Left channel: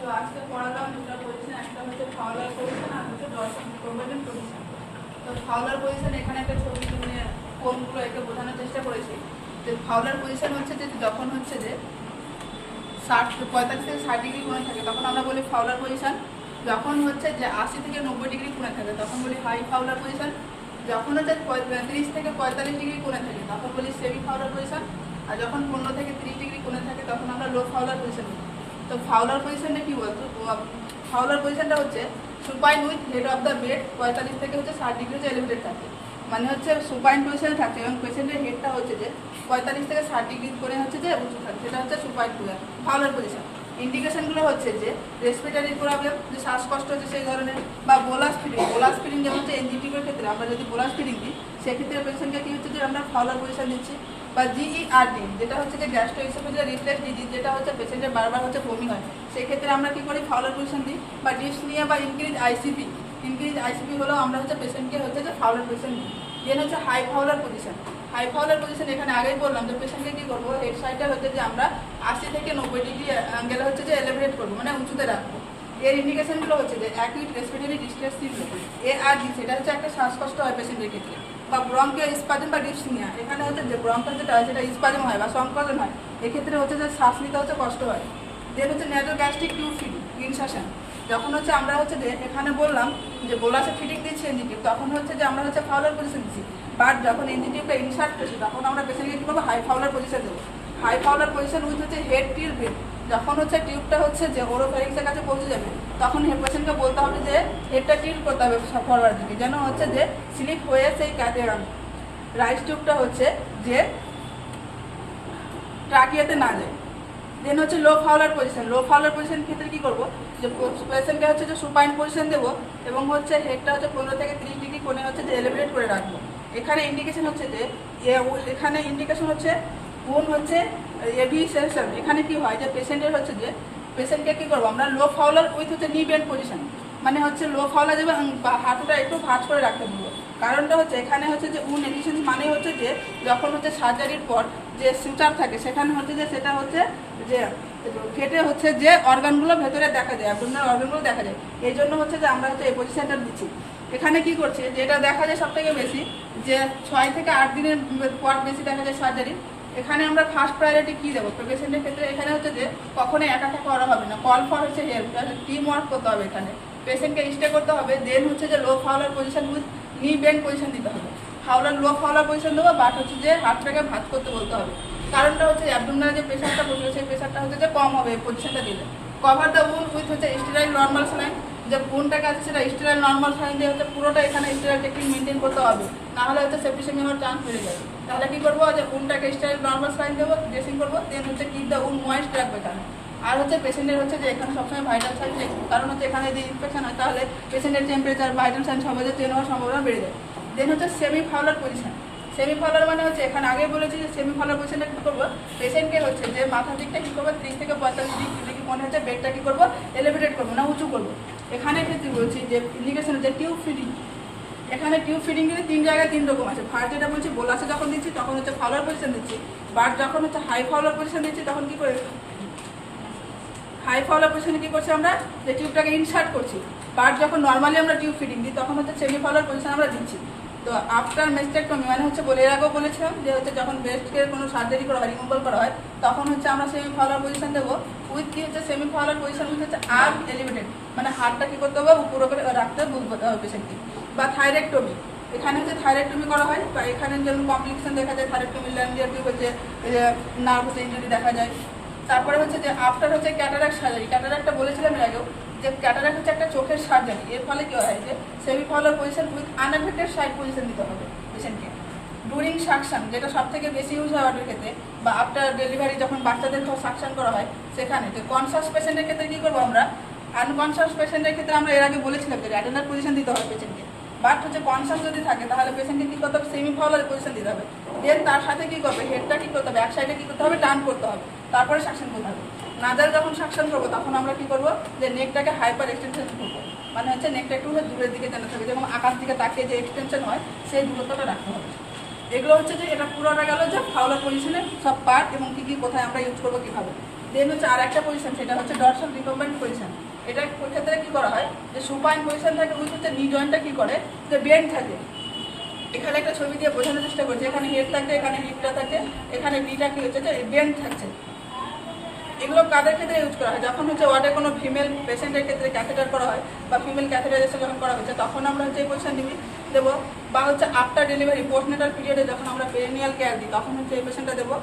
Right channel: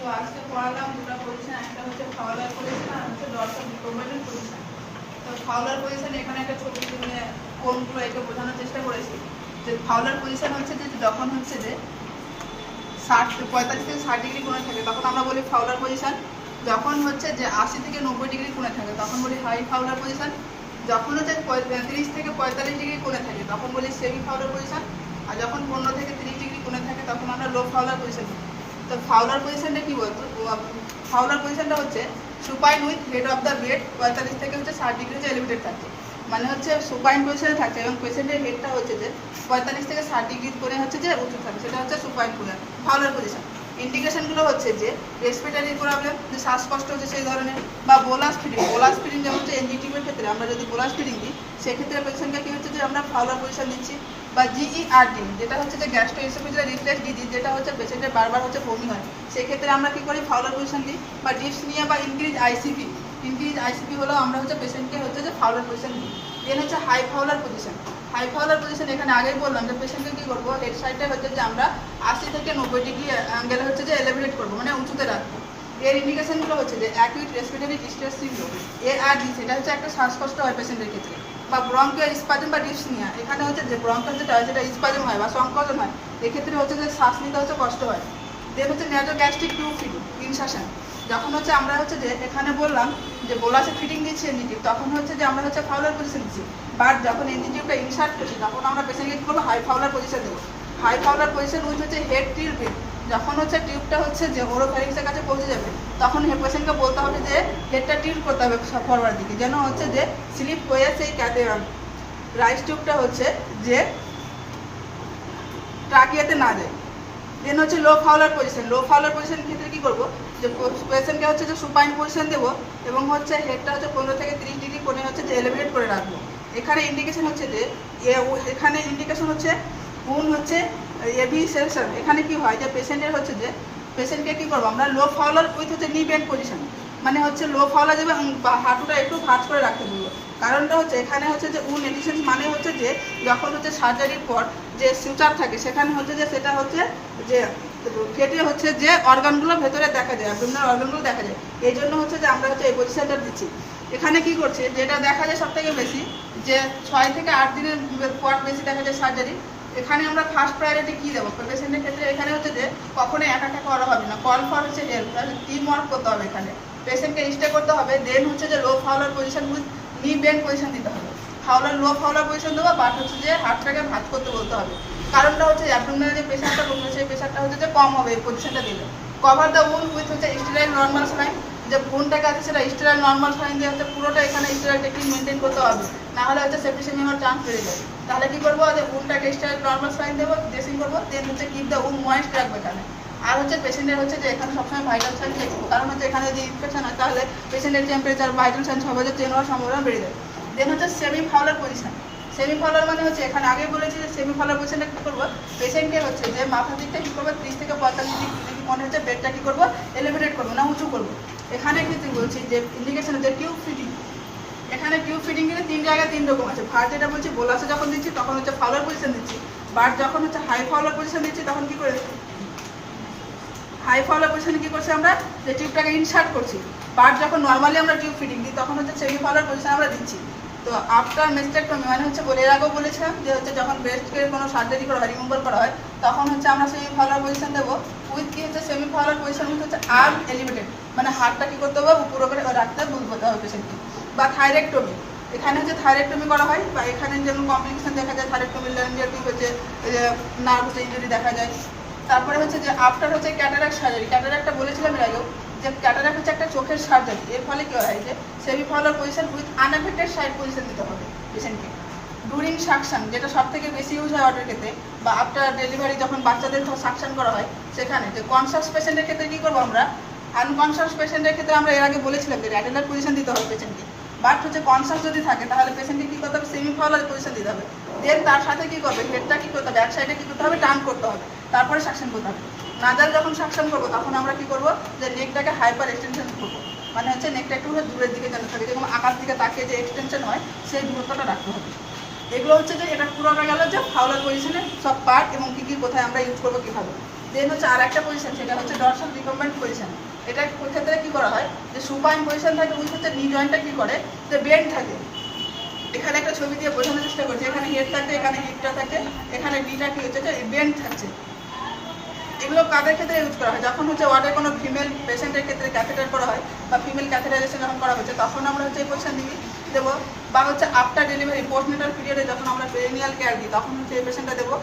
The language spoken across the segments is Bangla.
তো আজকে পড়ালাম দুটো পজিশন, একটা হচ্ছে ফাউলার পজিশন আর হচ্ছে ডরসাল প্রোভাইডেন্ট পজিশন। তো ফাউলার পজিশন এখানে একটা ছবি নিয়ে কোনগুলো একে বোঝানোর চেষ্টা করেছি যে ফাউলার পজিশন হচ্ছে যে যখন হচ্ছে যে 45 থেকে 60 ডিগ্রি কোণে থাকে তখন আমরা বলি ফাউলার পজিশন। যখন হচ্ছে যে 80 থেকে 90 ডিগ্রি কোণে থাকে তখন বলি হাই ফাউলার পজিশন। যখন হচ্ছে 30 থেকে 45 ডিগ্রি কোণে থাকে তখন বলি সেমি ফাউলার পজিশন। আর যখন 15 থেকে 30 ডিগ্রি কোণে থাকে তখন আমরা লো ফাউলার পজিশন বলি। তো ফাউলার পজিশনটা কি বলতো, ফাউলার পজিশনটা হচ্ছে supine with head of the bed 45 থেকে হচ্ছে 60 ডিগ্রি এলিভেটেড থাকে, মানে হচ্ছে সুপাইন পজিশনে থাকে এবং পেশেন্টের হেডটা হচ্ছে যে 45 থেকে 60 ডিগ্রি করে হচ্ছে যে উঁচু থাকে, সেটা হচ্ছে সুপাইন ফাউলার পজিশন। ইন্ডিকেশনগুলো হচ্ছে যে রেসপিরেটরি প্রবলেম, যে শ্বাসকষ্ট হচ্ছে সেই ধরনের, বা বোলাস ফিডিং যেমন হচ্ছে এনজিটিভের ক্ষেত্রে আমরা যদি বোলাস ফিডিং দিই সেক্ষেত্রে পেশেন্টকে কী হচ্ছে যে আমরা ফাউলার পজিশন দিচ্ছি। বা জিইআরডি যেটা হচ্ছে যে গ্যাস্ট্রোএসোফেজিয়াল রিফ্লেক্স ডিজিজ, যেটা হচ্ছে পেশেন্টের বারবার হচ্ছে বমি হয়, সেক্ষেত্রে আমরা কী করি ফাউলার পজিশন দিই। বা ডিপসনিয়া বা ইনক্রিজ আইসিপি হলেও আমরা হচ্ছে পেশেন্টকে হচ্ছে যে ফাউলার পজিশন দিই। দেন হচ্ছে high Fowler position. High Fowler position এখানে আগেই বললাম যে পেশেন্টকে কী করবো, হেড সাইডটা হচ্ছে যে আমরা 80 থেকে 90 ডিগ্রি অ্যাঙ্গেল হচ্ছে যে এলিভেট করবো, মানে উঁচুতে রাখবো। এর ইন্ডিকেশনগুলো হচ্ছে যে acute respiratory distress syndrome, ARD, সেটা হচ্ছে একটা শ্বাসকষ্ট হয় পেশেন্টের ক্ষেত্রে। বা ব্রঙ্কিয়াল স্পাজম বা ডিপসনিয়া, এখানে হচ্ছে যে ব্রঙ্কাল যেটা স্পাজম হয় বা সংকোচন হয়, এক্ষেত্রে হচ্ছে যে শ্বাস নিতে হচ্ছে কষ্ট হয়। দেন হচ্ছে ন্যাজোগ্যাস্ট্রিক টিউব ফিডিং ইনসাশন, যখন হচ্ছে আমরা হচ্ছে যে এখানে বললাম যে বোলাসে ফিডিং দিচ্ছি এনজিটিভ, তখন হচ্ছে যে আমরা হচ্ছে ফাউলার পজিশন দিচ্ছি। বাট যখন এনজিটিভটা ইনসার্ট করছি তখন আমরা পেশেন্টকে কী করবো, হাই ফাউলার পজিশন দেবো। হাই ফাউলার পজিশন উইথ হচ্ছে হেড টিল্টেড, যখন হচ্ছে টিউবটা হচ্ছে যে ওরোফ্যারিংসের কাছে পৌঁছে যাবে তখন পেশেন্টকে বলতে হবে যে হেডটা টিল্ট করতে হবে ফরওয়ার্ড দিকে, যেন হচ্ছে যে স্লিপ হয়ে সেই রাইস টিউবটা হচ্ছে যে ট্রাকিয়াতে না যায়। দেন হচ্ছে লো ফাউলার পজিশন ক্ষেত্রে কী করবো, যে পেশেন্টকে হচ্ছে যে সুপাইন পজিশন দেবো এবং হচ্ছে হেডটা হচ্ছে 15 থেকে 30 ডিগ্রি কোণে হচ্ছে যে এলিভেট করে রাখবো। এখানে ইন্ডিকেশন হচ্ছে যে এখানে ইন্ডিকেশন হচ্ছে কোন হচ্ছে এভি সেকশন। এখানে কি হয় যে পেশেন্টের হচ্ছে যে পেশেন্টকে কী করবো আমরা লো ফাউলার উইথ হচ্ছে নি বেন্ড পজিশন, মানে হচ্ছে লো ফাউলার দেবে বা হাঁটুটা একটু ভাঁজ করে রাখতে বলবো। কারণটা হচ্ছে এখানে হচ্ছে যে উন এফিসিয়েন্সি মানে হচ্ছে যে যখন হচ্ছে সার্জারির পর যে সুচার থাকে সেখানে হচ্ছে যে সেটা হচ্ছে যে কেটে হচ্ছে যে অর্গানগুলো ভেতরে দেখা যায়, অ্যাবডোমিনাল অর্গানগুলো দেখা যায়, এই জন্য হচ্ছে যে আমরা হচ্ছে এই পজিশনটা দিচ্ছি। এখানে কি করছে, যেটা দেখা যায় সব থেকে বেশি যে 6 থেকে 8 দিনের পর বেশি দেখা যায় সার্জারি। এখানে আমরা ফার্স্ট প্রায়োরিটি কী দেবো পেশেন্টের ক্ষেত্রে, এখানে হচ্ছে যে কখনোই একা করা হবে না, কল ফর হচ্ছে হেল্প, টিম ওয়ার্ক করতে হবে, এখানে পেশেন্টকে স্টে করতে হবে। দেন হচ্ছে যে লো ফাউলার পজিশন নি বেন্ড পজিশন দিতে হবে, লো ফাউলার পজিশন দেবো, বাট হচ্ছে যে হাতটাকে ভাঁজ করতে বলতে হবে। কারণটা হচ্ছে অ্যাবডোমিনাল যে প্রেশারটা বলবে সেই প্রেশারটা হচ্ছে যে কম হবে এই পজিশনটা দিলে। কভার দ্য উন্ড উইথ হচ্ছে স্টেরাইল নর্মাল স্যালাইন, যে উন্ডটাকে আছে সেটা স্টেরাইল নর্মাল স্যালাইন দিয়ে হচ্ছে পুরোটা এখানে স্টেরাইল টেকনিক মেনটেন করতে হবে, না হলে হচ্ছে সেপ্টিসেমি হওয়ার চান্স বেড়ে যাবে। তাহলে কী করবো, যে উন্ডটাকে স্টেরাইল নর্মাল স্যালাইন দেবো, ড্রেসিং করবো, দেন হচ্ছে কিপ দ্য উন্ড ময়েস্ট রাখবো এখানে। আর হচ্ছে পেশেন্টের হচ্ছে যে এখানে সবসময় ভাইটাল সাইন দেখবো, কারণ হচ্ছে এখানে যদি ইনফেকশন হয় তাহলে পেশেন্টের টেম্পারেচার ভাইটাল সাইন সহজে চেঞ্জ হওয়ার সম্ভাবনা বেড়ে যায়। দেন হচ্ছে semi Fowler position. Semi Fowler মানে হচ্ছে এখানে আগেই বলেছি যে সেমি ফাউলার পজিশনটা কী করবো, পেশেন্টকে হচ্ছে যে মাথার দিকটা কী করবো 30 থেকে 45 ডিগ্রি মনে হচ্ছে বেডটা কী করবো এলিভেটেড করবো না উঁচু করবো। এখানে ক্ষেত্রে বলছি যে ইন্ডিকেশন হচ্ছে টিউব ফিডিং। এখানে টিউব ফিডিং কিন্তু 3 জায়গায় 3 রকম আছে। ফার্স্ট যেটা বলছি বোলাসে যখন দিচ্ছি তখন হচ্ছে ফাউলার পজিশন দিচ্ছি, বাট যখন হচ্ছে হাই ফাউলার পজিশন দিচ্ছি তখন কী করে হাই ফাউলার পজিশনে কী করছি আমরা যে টিউবটাকে ইনসার্ট করছি, বাট যখন নর্মালি আমরা টিউব ফিডিং দিই তখন হচ্ছে সেমি ফাউলার পজিশন আমরা দিচ্ছি। তো আফটার মেস্টেক্টমি মানে হচ্ছে এর আগেও বলেছিলাম যে হচ্ছে যখন ব্রেস্টকে কোনো সার্জারি করা হয়, রিমুভাল করা হয়, তখন হচ্ছে আমরা সেমি ফাউলার পজিশন দেবো উইথ কি হচ্ছে সেমি ফাউলার পজিশন হচ্ছে আর্ম এলিভেটেড, মানে হাতটা কী করতে হবে উপর করে রাখতে বুঝতে হবে পেশেন্টকে। বা থাইরেক্টমি, এখানে হচ্ছে থাইরেক্টমি করা হয়, বা এখানে যেমন কমপ্লিকেশন দেখা যায় থাইরেক্টমি ল্যান্ডিয়া টিউব হচ্ছে নার্ভ হচ্ছে ইনজুরি দেখা যায়। তারপরে হচ্ছে যে আফটার হচ্ছে ক্যাটারাক্ট সার্জারি, ক্যাটারাক্টটা বলেছিলাম এর আগেও যে ক্যাটারাক্ট হচ্ছে একটা চোখের সার্জারি, এর ফলে কী হয় যে semi Fowler position with unaffected side position দিতে হবে পেশেন্টকে। ডুরিং সাকশন, যেটা সব থেকে বেশি ইউজ হয় অর্ডার ক্ষেত্রে, বা আফটার ডেলিভারি যখন বাচ্চাদের সাকশন করা হয় সেখানে, যে কনসাস পেশেন্টের ক্ষেত্রে কী করবো আমরা, আনকনসাস পেশেন্টের ক্ষেত্রে আমরা এর আগে বলেছিলাম যে অ্যাটেন্ডার পজিশন দিতে হবে পেশেন্টকে, বাট হচ্ছে কনসাস যদি থাকে তাহলে পেশেন্টকে কী করতে হবে সেমি ফাউলার পজিশন দিতে হবে। দেন তার সাথে কী করবে, হেডটা কী করতে হবে এক সাইডে কী করতে হবে টার্ন করতে হবে, তারপরে সাকশন করতে হবে। নাজাল যখন সাকশন করবো তখন আমরা কী করবো, যে নেকটাকে হাইপার এক্সটেনশন করবো, মানে হচ্ছে নেকটা একটু দূরের দিকে যেন থাকে, যেরকম আকাশ দিকে তাকিয়ে যে এক্সটেনশন হয় সেই দূরত্বটা রাখতে হবে। এগুলো হচ্ছে যে এটা পুরোটা গেল যে ফাউলার পজিশনের সব পার্ট এবং কী কী কোথায় আমরা ইউজ করবো কীভাবে। দেন হচ্ছে আর একটা পজিশন, সেটা হচ্ছে ডরসাল রিকম্বেন্ট পজিশন। এটা ক্ষেত্রে কি করা হয় যে সুপাইন পজিশন থাকে, উইথ হচ্ছে নি জয়েন্টটা কি করে যে বেন্ড থাকে। এখানে একটা ছবি দিয়ে বোঝানোর চেষ্টা করছি, এখানে হেড থাকে, এখানে হিপটা থাকে, এখানে নিটা কি হচ্ছে যে বেন্ড থাকছে। এগুলো কাদের ক্ষেত্রে ইউজ করা হয়? যখন হচ্ছে ওয়ার্ডে কোনো ফিমেল পেশেন্টের ক্ষেত্রে ক্যাথেটার করা হয় বা ফিমেল ক্যাথেটারাইজেশন যখন করা হচ্ছে, তখন আমরা হচ্ছে এই পজিশন দেবো। বা হচ্ছে আফটার ডেলিভারি পোস্টনেটাল পিরিয়ডে যখন আমরা পেরিনিয়াল কেয়ার দিই, তখন হচ্ছে এই পেশেন্টটা দেবো।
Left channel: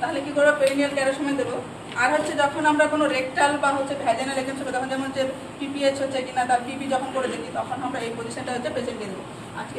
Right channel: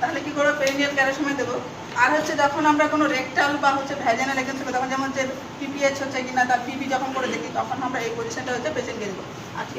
তাহলে কি করবো? পেরিনিয়াল কেয়ারের সময় দেবো। আর হচ্ছে যখন আমরা কোনো রেকটাল বা হচ্ছে ভ্যাজানাল এগেন্স হবে, তখন যেমন যে পিপিএইচ হচ্ছে কিনা তার পিপি যখন করে দেখি, তখন আমরা এই পজিশনটা হচ্ছে পেশেন্টকে দেবো। আজকে